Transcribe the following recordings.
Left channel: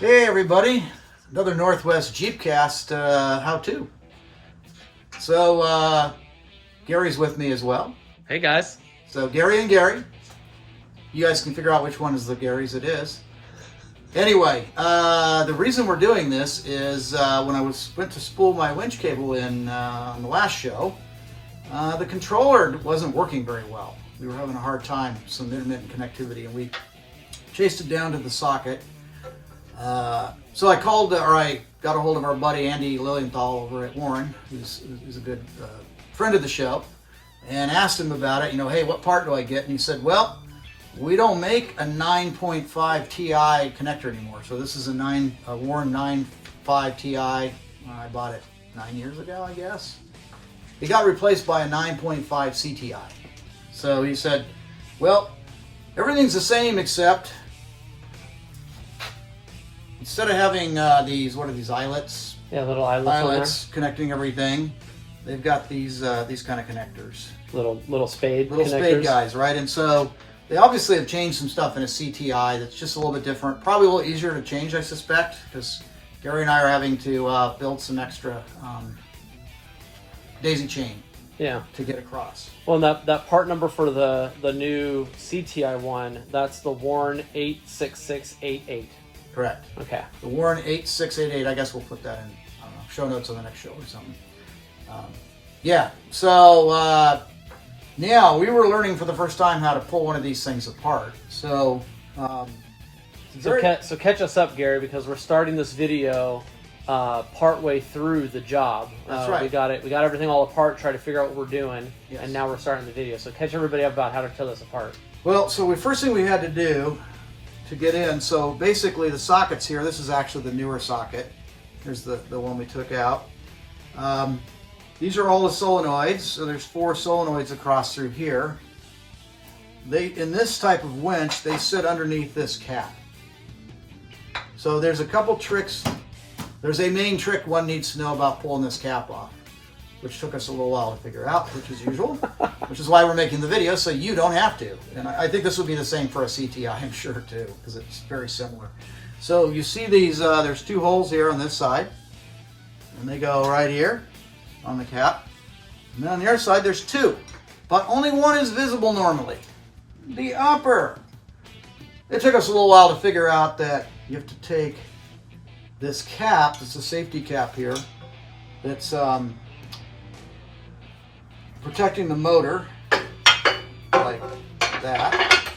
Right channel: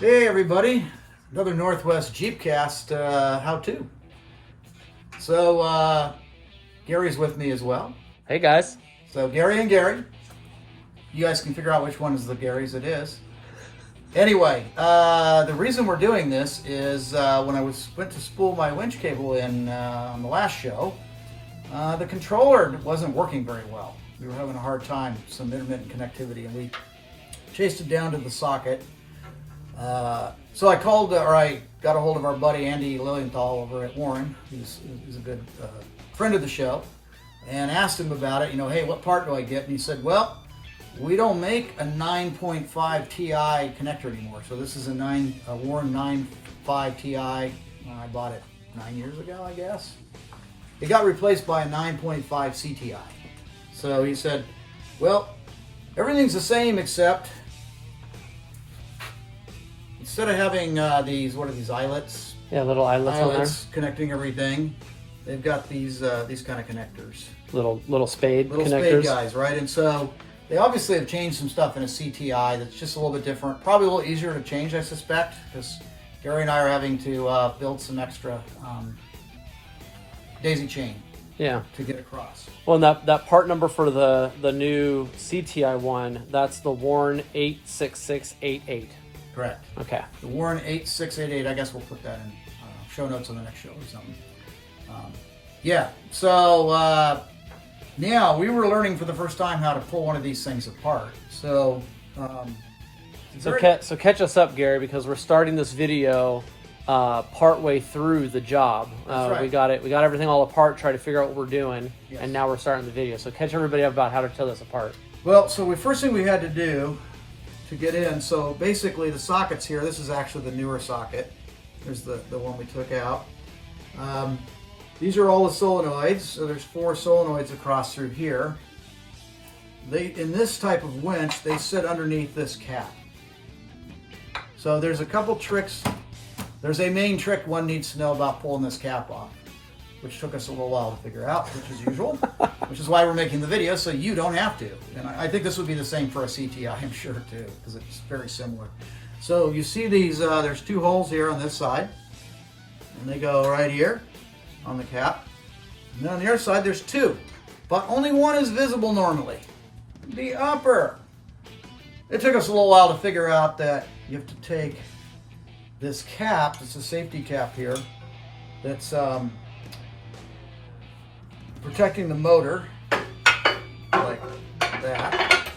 Hey everybody, another Northwest Jeepcast how-to. So Gary's with me as well. Hey guys. So Gary and Gary, you guys can figure out which one is the Gary's it is. Anyway, the reason we're doing this is when I went to spool my winch cable in on the last show, the controller wasn't working very well. We were having a hard time, some intermittent connectivity, and we chased it down to the socket. So I called, or I got a hold of our buddy Andy Lilienthal over at Warren. He's a good friend of the show, and asked him about it. You know, hey, what part do I get? And he said, well, we don't make a 9.5 Ti connector anymore. So this is a Warren 9.5 Ti. I bought it 9 years ago, I guess. It got replaced by a 9.5 CTI. So he said, well, everything's the same except instead of having these, what are these, eyelets? Yeah, little eyelets connecting everything. They've got these kind of connectors. Little spade spade guys, right? And so they obviously have changed some stuff in a CTI that's just a little bit different. Probably a little easier to change, I suspect, because Gary and I are having to build some extra daisy chain. Yeah. To get across. Well, and that part number for the new CTI one, that's the Warren 86688. Correct. Okay. The Warren 8688. I guess we'll put that in, I don't know, show notes on the next show or something. Yeah. So yeah, we were learning for the first time how to pull one of these things apart. So so catch us up, Gary, because we're starting this video partway through the job. That's right. We got everything all apart, try to figure out what we're doing, yes. And now we're starting the video. So catch everybody up about how to tear this apart. Well, so the first thing we had to do to get in, so basically the sockets here, this is actually the newer socket. Here's the one we took out. These are all the solenoids, so there's 4 solenoids across through here. In this type of winch, they sit underneath this cap. So there's a couple tricks. There's a main trick one needs to know about pulling this cap off, which took us a little while to figure out, which is usual, which is why we're making the video, so you don't have to. And I think this would be the same for a CTI, I'm sure, too, because it's very similar. So you see these, there's 2 holes here on this side, and they go right here on the cap. And then on the other side, there's 2, but only one is visible normally, the upper. It took us a little while to figure out that you have to take this cap, it's a safety cap here, that's protecting the motor, like that.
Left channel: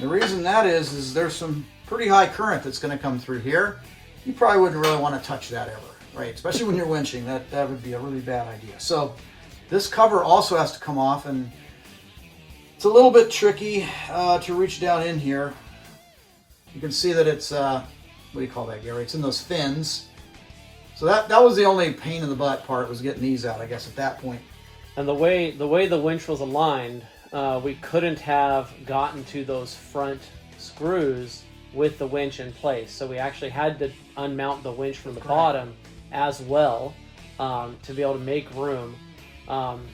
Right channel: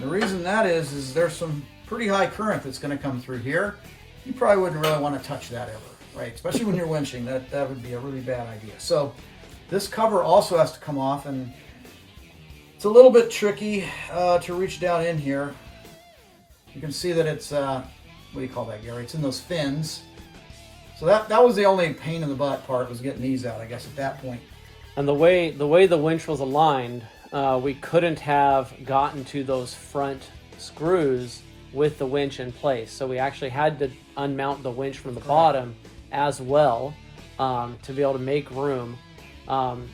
The reason that is there's some pretty high current that's going to come through here. You probably wouldn't really want to touch that ever, right? Especially when you're winching, that would be a really bad idea. So this cover also has to come off, and it's a little bit tricky to reach down in here. You can see that it's, what do you call that, Gary? It's in those fins. So that was the only pain in the butt part, was getting these out, I guess, at that point. And the way the winch was aligned, we couldn't have gotten to those front screws with the winch in place. So we actually had to unmount the winch from the bottom as well to be able to make room.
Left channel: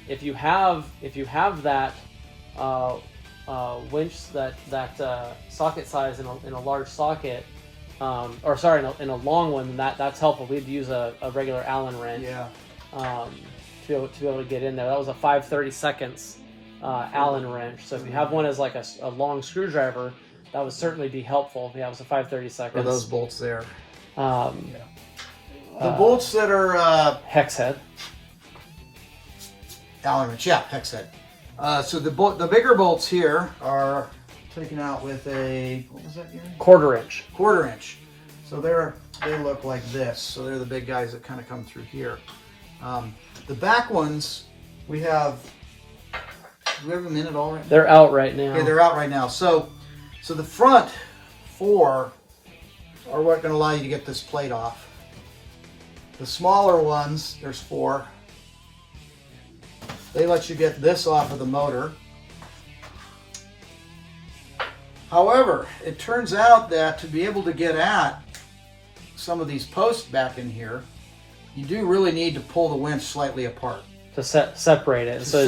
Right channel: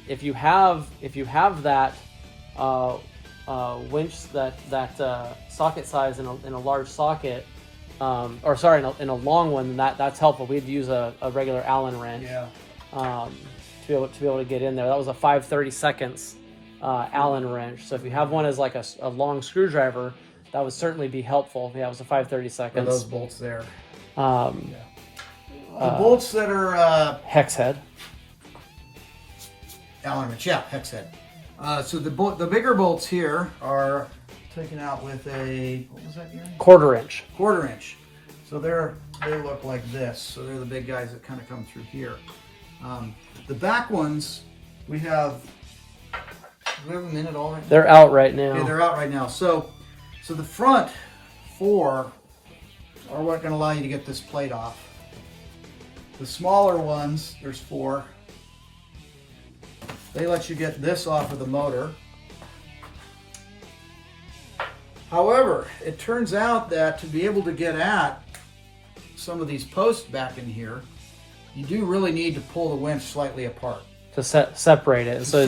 If you have that winch, that socket size in a large socket, or sorry, in a long one, that's helpful. We'd use a regular Allen wrench. Yeah. To be able to get in there. That was a 5/32 Allen wrench. So if you have one as like a long screwdriver, that would certainly be helpful. Yeah, it was a 5/32. Or those bolts there. Yeah. The bolts that are hex head. Allen wrench, yeah, hex head. So the bigger bolts here are taken out with a, what was that again? 1/4 inch. 1/4 inch. So they look like this. So they're the big guys that kind of come through here. The back ones, we have, do we have them in at all right now? They're out right now. Okay, they're out right now. So the front 4 are what going to allow you to get this plate off. The smaller ones, there's 4. They let you get this off of the motor. However, it turns out that to be able to get at some of these posts back in here, you do really need to pull the winch slightly apart. To separate it. So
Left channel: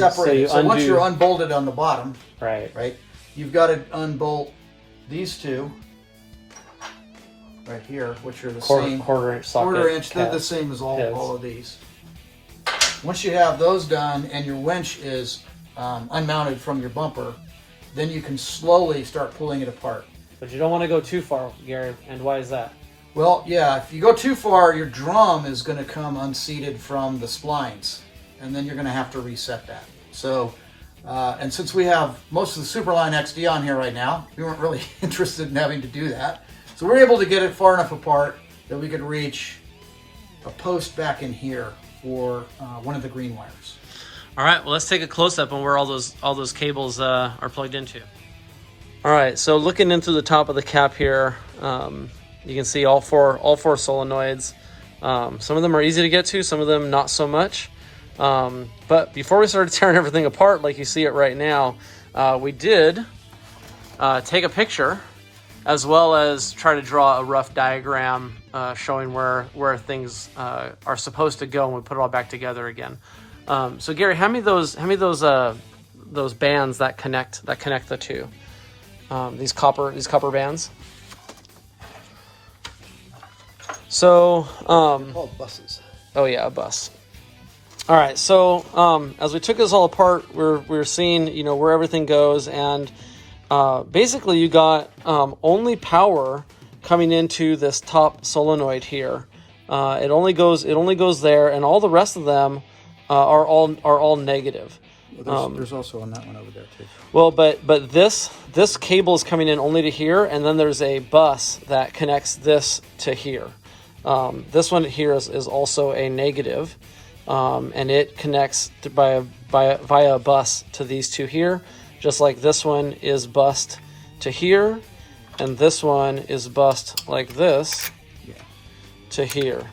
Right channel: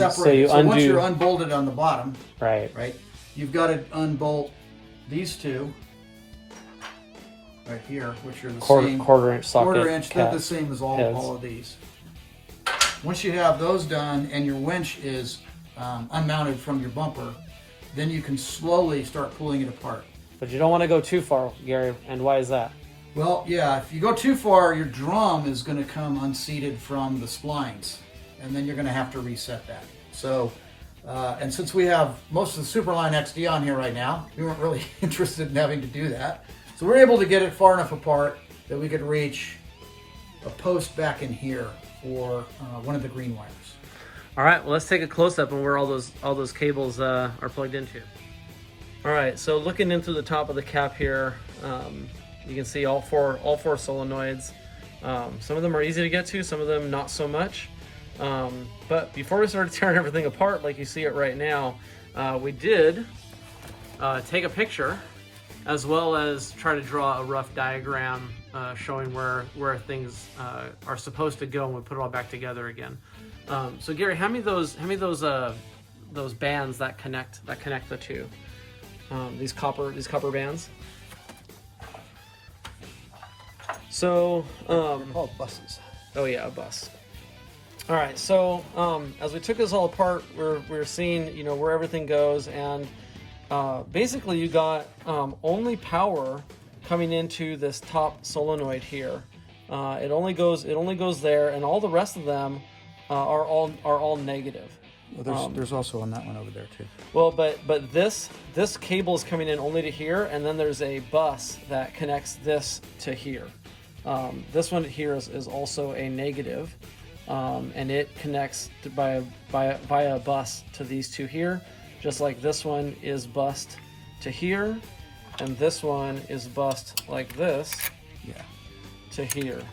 once you're unbolted on the bottom, right, you've got to unbolt these 2 right here, which are the quarter same inch socket. quarter inch. They're the caps. same as Heads. all of these. Once you have those done and your winch is unmounted from your bumper, then you can slowly start pulling it apart. But you don't want to go too far, Gary. And why is that? Well, yeah, if you go too far, your drum is going to come unseated from the splines, and then you're going to have to reset that. So, and since we have most of the Superline XD on here right now, we weren't really interested in having to do that. So we're able to get it far enough apart that we could reach a post back in here for one of the green wires. All right, well, let's take a close-up on where all those cables are plugged into. All right, so looking in through the top of the cap here, you can see all four solenoids. Some of them are easy to get to, some of them not so much. But before we started tearing everything apart, like you see it right now, we did take a picture as well as try to draw a rough diagram showing where things are supposed to go when we put it all back together again. So Gary, hand me those bands that connect the two. These copper bands. So, Buses. oh yeah, a bus. All right, so as we took this all apart, we're seeing, you know, where everything goes, and basically you got only power coming into this top solenoid here. It only goes there, and all the rest of them are all negative. Well, there's also one over there too. Well, but this cable is coming in only to here, and then there's a bus that connects this to here. This one here is also a negative, and it connects via a bus to these two here, just like this one is bused to here, and this one is bused like this to here.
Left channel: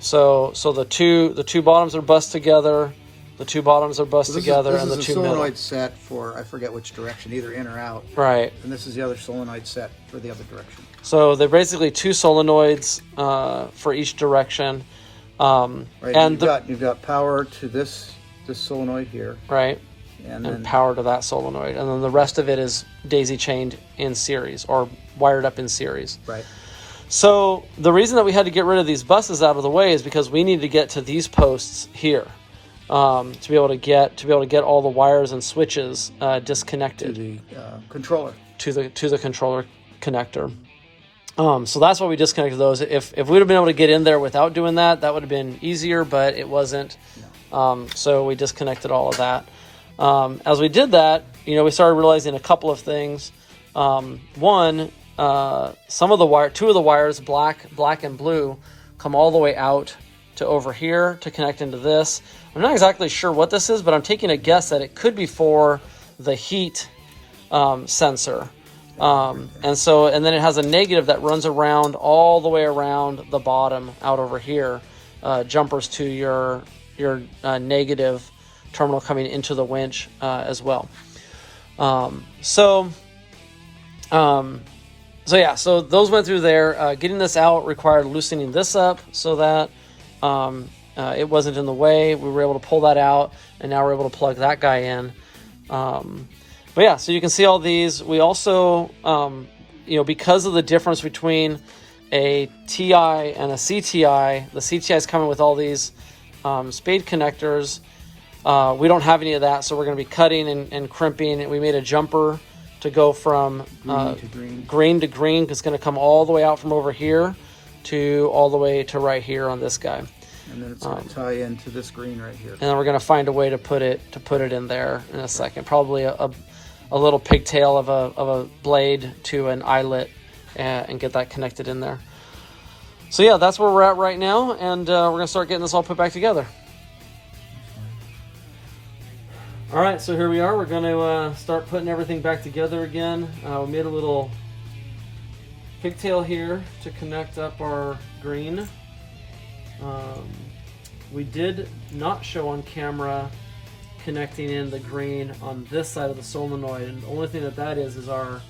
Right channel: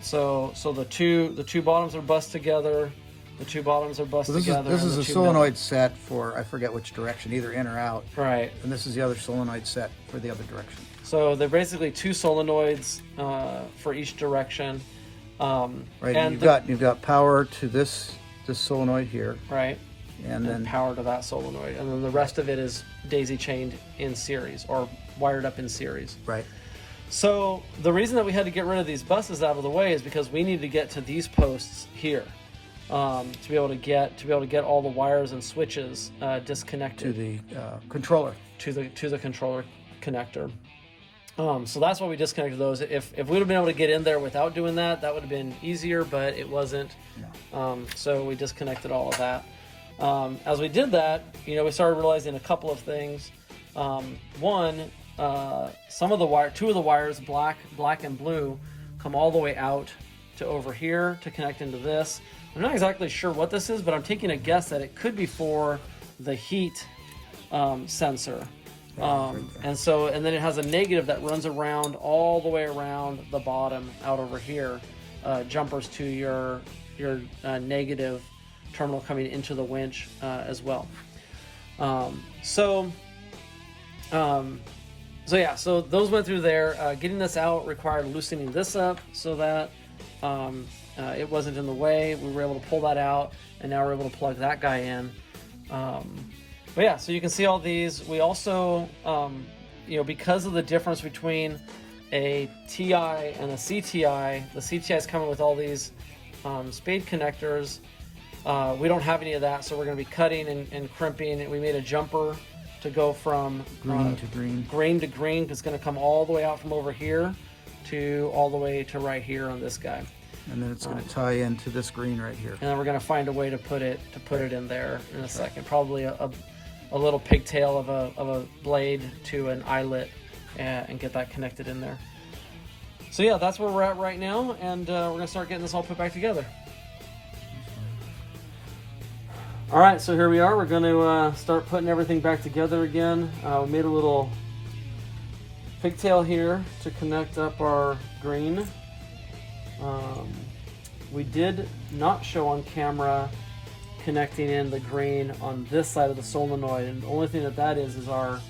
So the two bottoms are bused together. The two bottoms are bused together, and the two middle. This is a solenoid set for, I forget which direction, either in or out. Right. And this is the other solenoid set for the other direction. So they're basically two solenoids for each direction. Right, and you've got power to this solenoid here. Right. And then power to that solenoid. And then the rest of it is daisy chained in series or wired up in series. Right. So the reason that we had to get rid of these buses out of the way is because we need to get to these posts here. To be able to get all the wires and switches disconnected to the controller. To the controller connector. So that's why we disconnected those. If we would have been able to get in there without doing that, that would have been easier, but it wasn't. So we disconnected all of that. As we did that, you know, we started realizing a couple of things. One, two of the wires, black and blue, come all the way out to over here to connect into this. I'm not exactly sure what this is, but I'm taking a guess that it could be for the heat sensor. And then it has a negative that runs around all the way around the bottom out over here, jumpers to your negative terminal coming into the winch as well. So those went through there. Getting this out required loosening this up so that it wasn't in the way. We were able to pull that out, and now we're able to plug that guy in. But yeah, so you can see all these. We also, because of the difference between a TI and a CTI, the CTI is coming with all these spade connectors. We don't have any of that, so we're going to be cutting and crimping. We made a jumper to go from green to green. It's going to come all the way out from over here to all the way to right here on this guy. And then it's going to tie into this green right here. And then we're going to find a way to put it in there in a second. Probably a little pigtail of a blade to an eyelet and get that connected in there. So yeah, that's where we're at right now, and we're going to start getting this all put back together. All right, so here we are. We're going to start putting everything back together again. We made a little pigtail here to connect up our green. We did not show on camera connecting in the green on this side of the solenoid, and the only thing that is our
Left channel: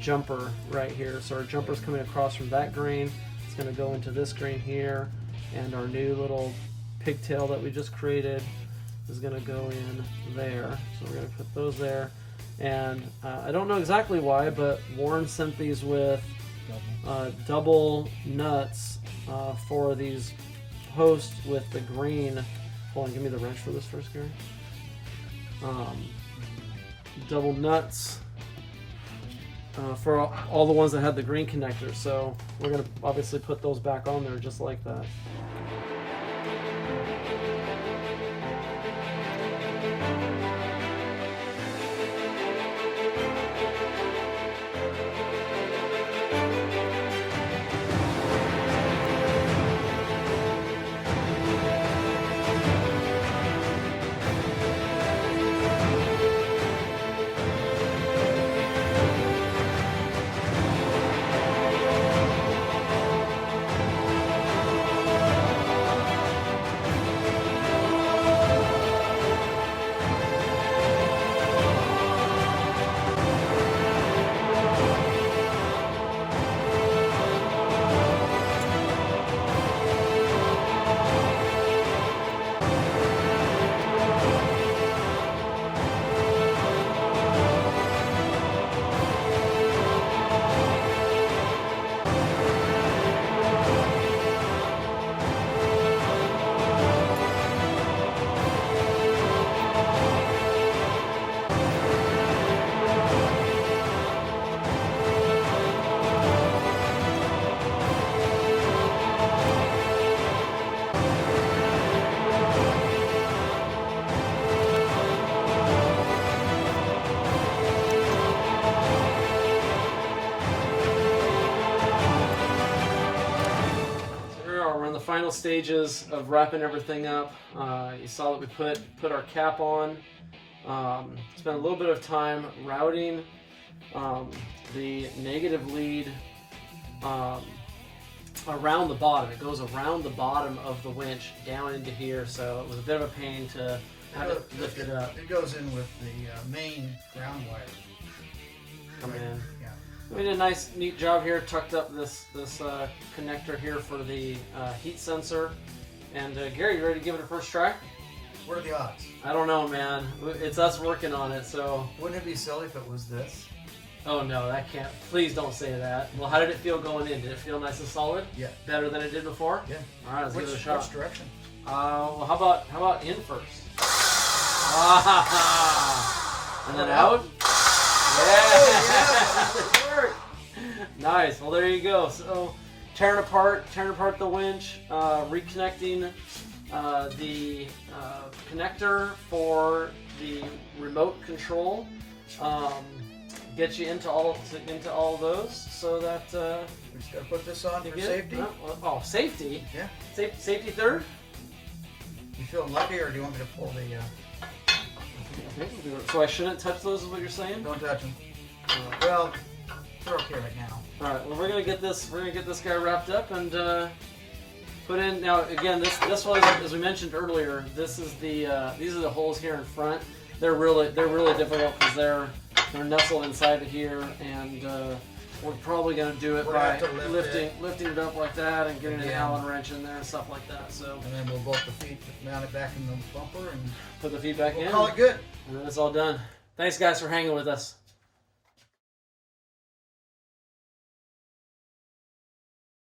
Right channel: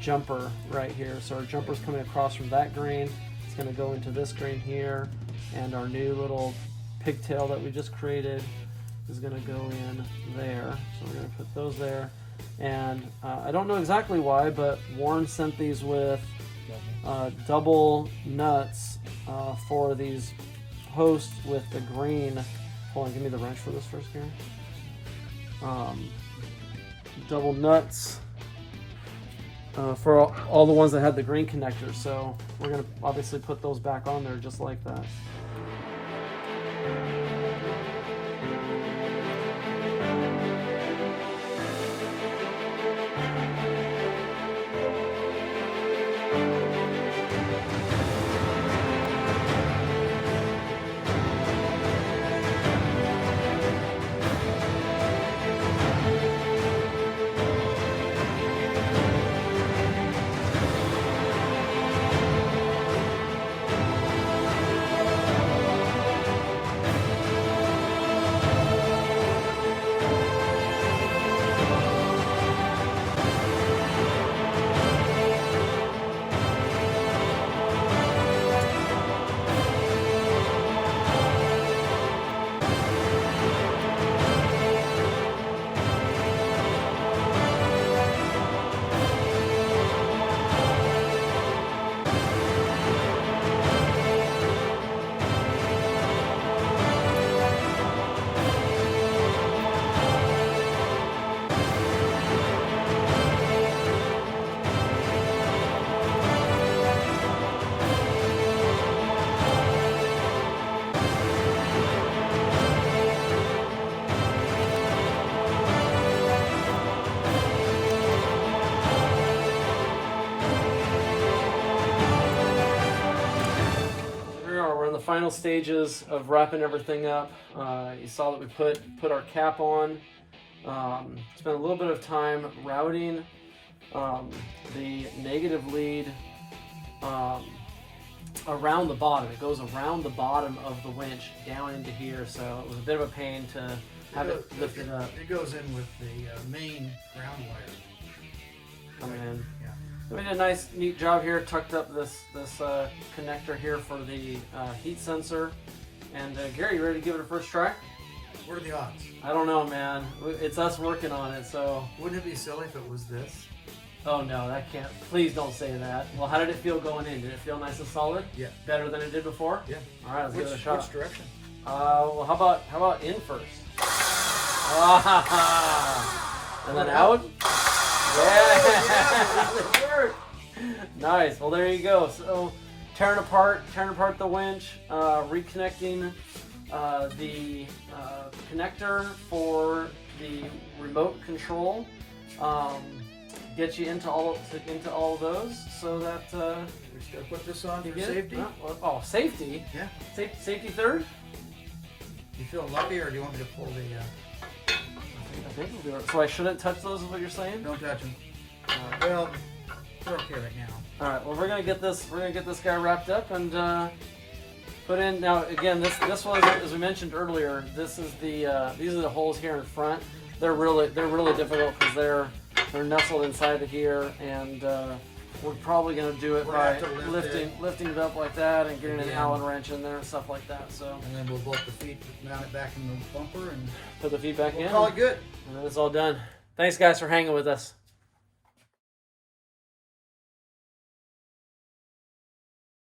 jumper right here. So our jumper's coming across from that green. It's going to go into this green here, and our new little pigtail that we just created is going to go in there. So we're going to put those there, and I don't know exactly why, but Warren sent these with double nuts for these posts with the green. Hold on, give me the wrench for this first, Gary. Double nuts for all the ones that had the green connectors. So we're gonna obviously put those back on there just like that. We're in the final stages of wrapping everything up. You saw that we put our cap on. Spent a little bit of time routing the negative lead around the bottom. It goes around the bottom of the winch down into here, so it was a bit of a pain to have it lifted up. It goes in with the main ground wire. Come in. Yeah. We did a nice, neat job here. Tucked up this connector here for the heat sensor. And Gary, you ready to give it a first try? What are the odds? I don't know, man. It's us working on it, so. Wouldn't it be silly if it was this? Oh no, that can't. Please don't say that. Well, how did it feel going in? Did it feel nice and solid? Yeah. Better than it did before? Yeah. All right, let's give it a shot. Which direction? Well, how about in first? And then out. Yeah. Nice. Well, there you go. So, tearing apart the winch, reconnecting the connector for the remote control. Get you into all of those, so that We just gotta put this on for safety. Safety. Yeah. Safety third. You feeling lucky, or do you want me to pull the? I think we'll do it. So I shouldn't touch those, is what you're saying? Don't touch them. Well, they're okay right now. All right. Well, we're gonna get this guy wrapped up and put in. Now, again, this was, as we mentioned earlier. This is these are the holes here in front. They're really difficult because they're nestled inside of here, and we're probably gonna do it by lifting it up like that and getting an Allen wrench in there and stuff like that. So. And then we'll bolt the feet, mount it back in the bumper, and put the feet back in. We'll call it good. And then it's all done. Thanks, guys, for hanging with us.